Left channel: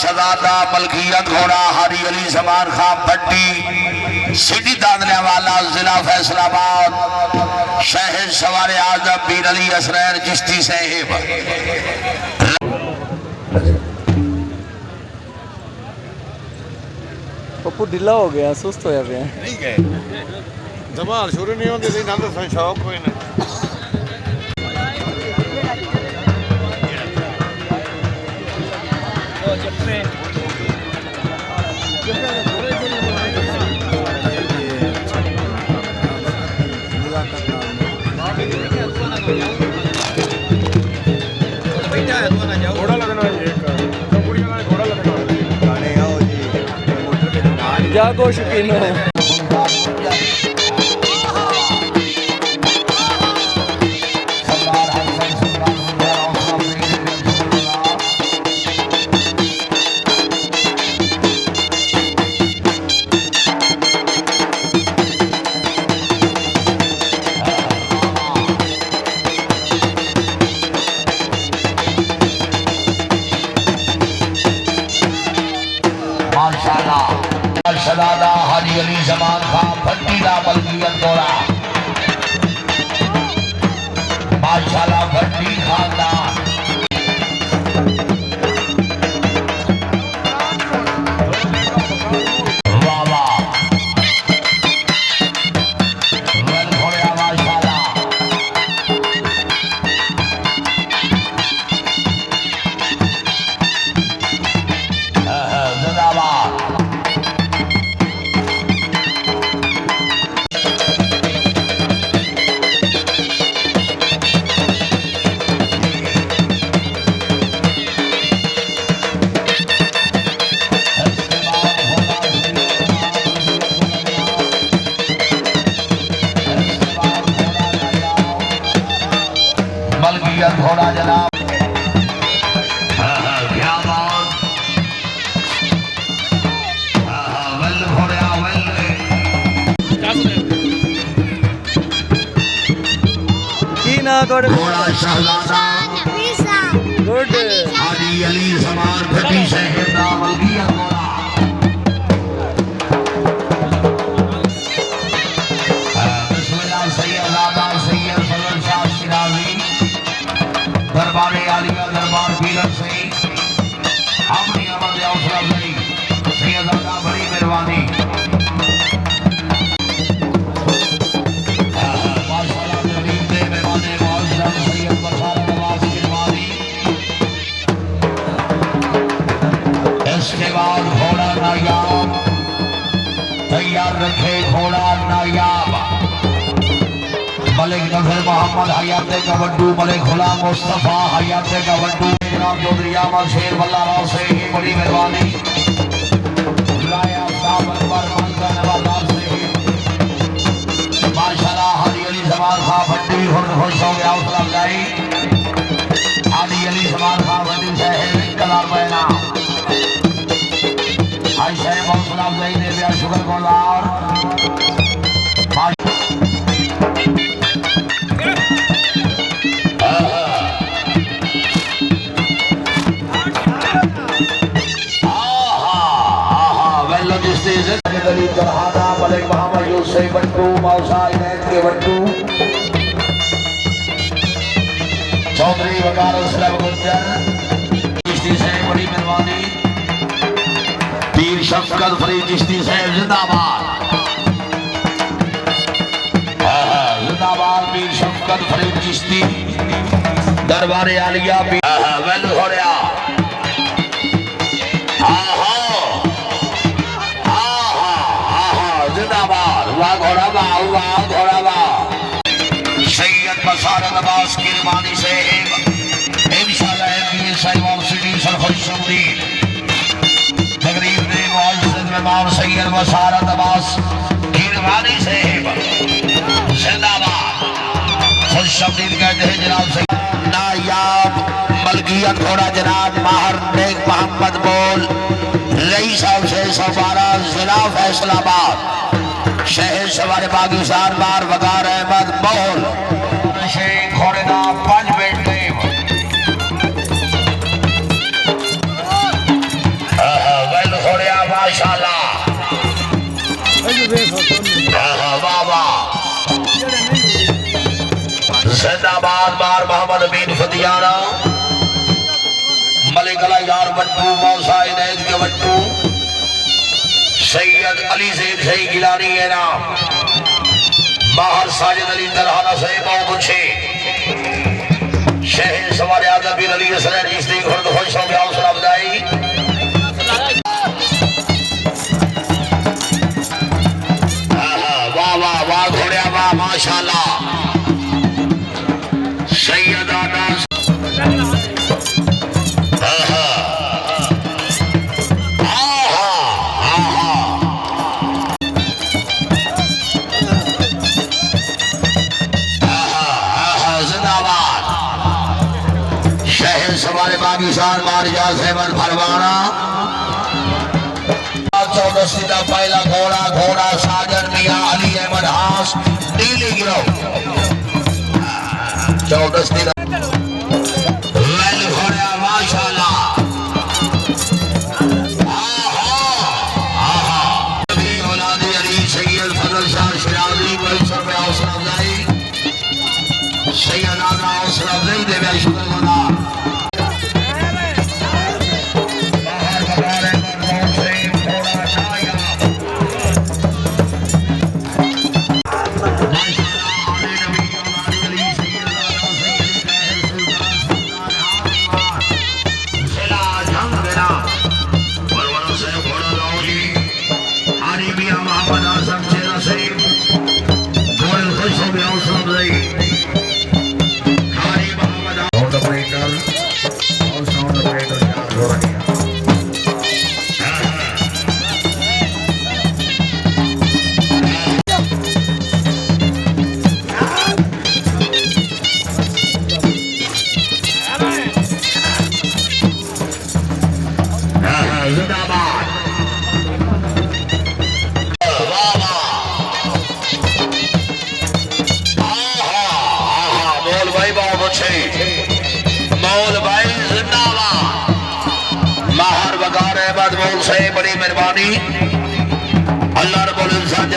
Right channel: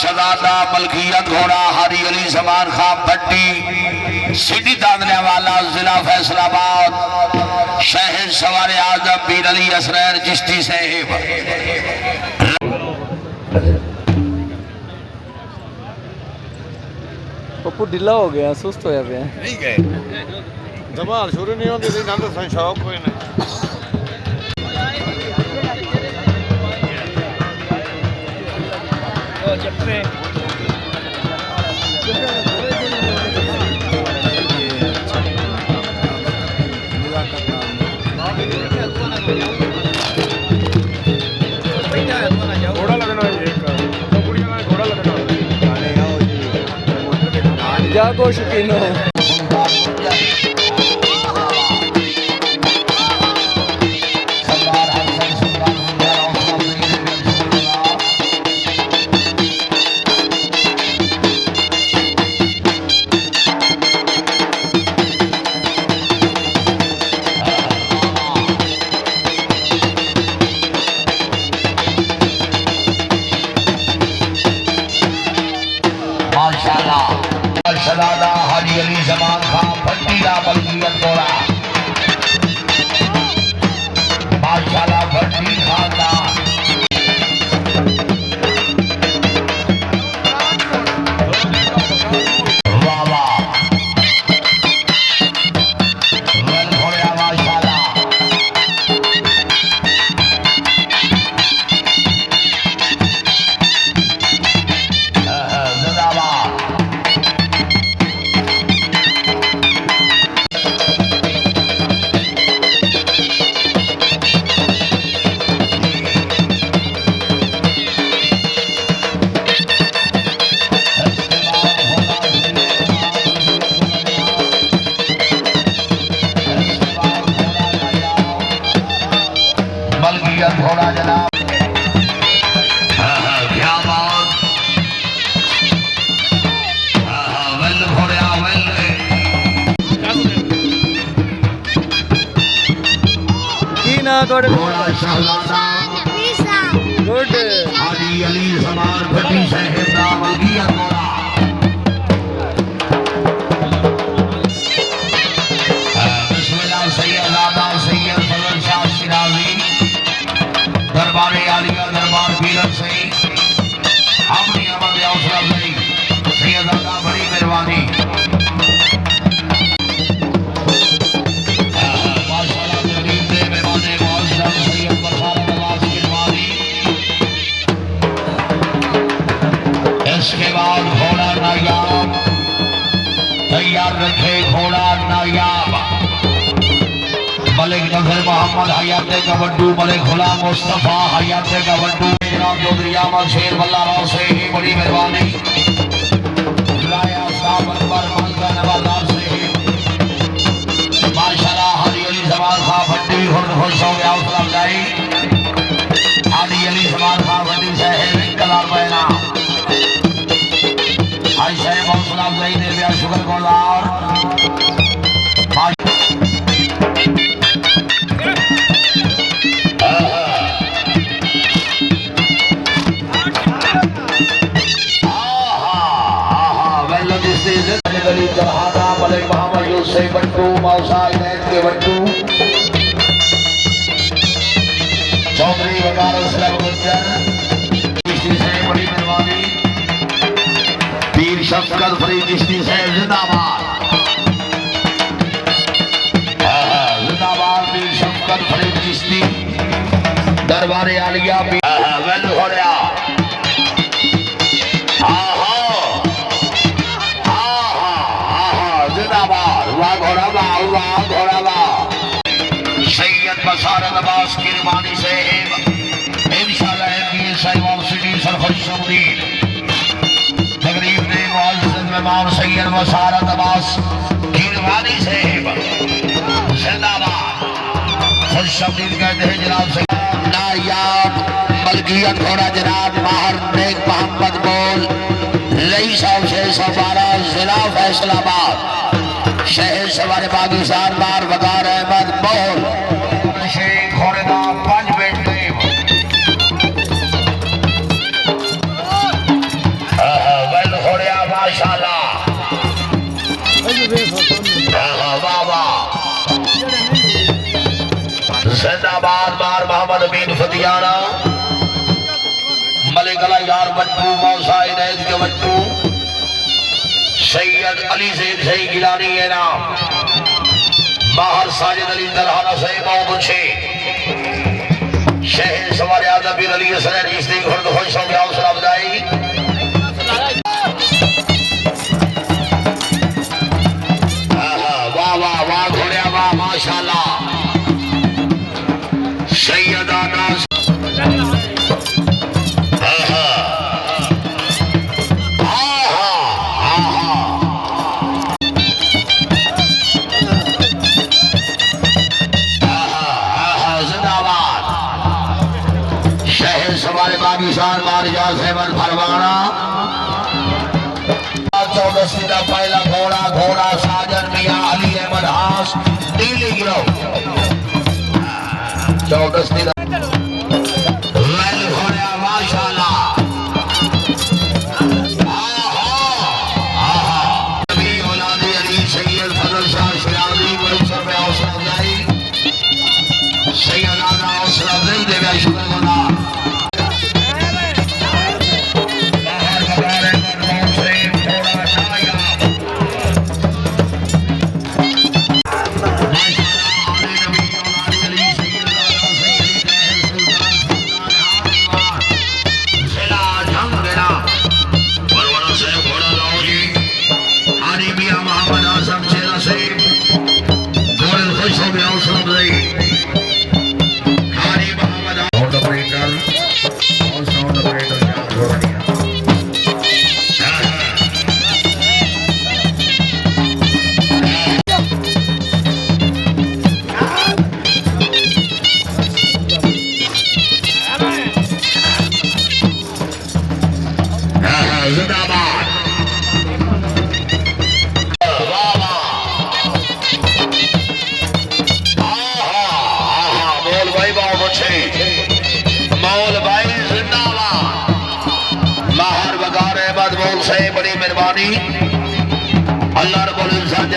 शहजादा मलकियत घोड़ा हारी अली समान खां भट्टी सिटी दादने वाला जिला फैसलाबाद शहर सवारे आजम पीर अली असरैर चिश्ती साहिब। पप्पू ढिला हो गया, सुस्त होया पे नहीं गए जबान शुरू नहीं होंगे तो नाल संग साहब कोई ना ओ जप्पे घोड़ा लगना है एक तो बुढ़िया का घोड़ा लगना है जागो शकीनो शहजादा हाजी अली जमान खां भट्टी दा मलकियत घोड़ा माशाल्लाह भट्टी खानदान वाह वाह वेल घोड़ा माशाल्लाह जिंदाबाद मलकियत घोड़ा जनाब की ना थोड़े गुड हाजी अली जमान भट्टी साहिब दा मलकियत घोड़ा बिस्मिल्लाह सैयद नादार सैयद फजल शाह शिराजी दरबारे आलिया दरबार पीरन से अपनी आवाज़ हौसला अफजाई सैयद अल्लाह बड़ी मेहरबानी माशाल्लाह तकरीम दे मेहमाने मुअज़्ज़म सैयद बरसात नवाज गिरवानी। इसके बाद घोड़ा नायाब तैयार रखे घोड़ा नायाब मलिक नजर मोहम्मद हयाते कवड्डू मलिक गुलाम मुस्तफा हयाते कवड्डू जनाब चौधरी अहमद शेर वल्ला राव से ही बड़ी मेहरबानी माशाल्लाह हाजी अली जमान खां भट्टी खुश हो गया हौसला अफजाई हाजी अली जमान खां भट्टी साहिब कलाम बैना आज साहिब हौसला अफजाई ने दिया शुक्र गुजार गरीब जरहादा मलिक मोहम्मद यूसुफ बट्टू मौसा इनायत के बट्टू चौधरी वकार असलम गुज्जर चिश्ती से बड़ी मेहरबानी पीर शफकत फरीद चिश्ती से जिंदाबाद जिंदाबाद पीर शफकत फरीद चिश्ती दरबारे आलिया वेल हो रहा सैयद बसारत अब्बास की रवानी से इंशाअल्लाह ये साइमन सिटी सफर शौरी तकरीब ने मुअज़्ज़िज़ मेहमान सैयद बसारत अब्बास की रवानी से जिंदाबाद खुश शबीर कहते हैं जनाब सैयद नायाब मलकियत घोड़ा जनाब माहर नेक मोहम्मद बोल रईस साहब से सफारा जिला फैसलाबाद शहर सवारे पाकिस्तान बार वकार अहमद बोल घोड़े का 5 बेटे बट्टू मौसाई नैद के बट्टू सैयद अली सैद सही गिलानी है ना बाहर साजिद अली तरहाना से बहुत अच्छे शहर सवार आदम बिन अली सर रिश्ते खुद खुश हो गया उसने बताई वाह वाह वाह घोड़े वाह माशाल्लाह सैयदा नास चौदस्ती का पहला घोड़ा घोड़ा साजन मियां अली अहमद हास नीली गिरोह चौदस्ती घोड़ा माशाल्लाह औलाद अली सैयद फजल शाह शिराजी सैयद आगा हौसला अफजाई देवे शुक्र गुजार बड़ी मेहरबानी अल्लाह रब्बुल इज्जत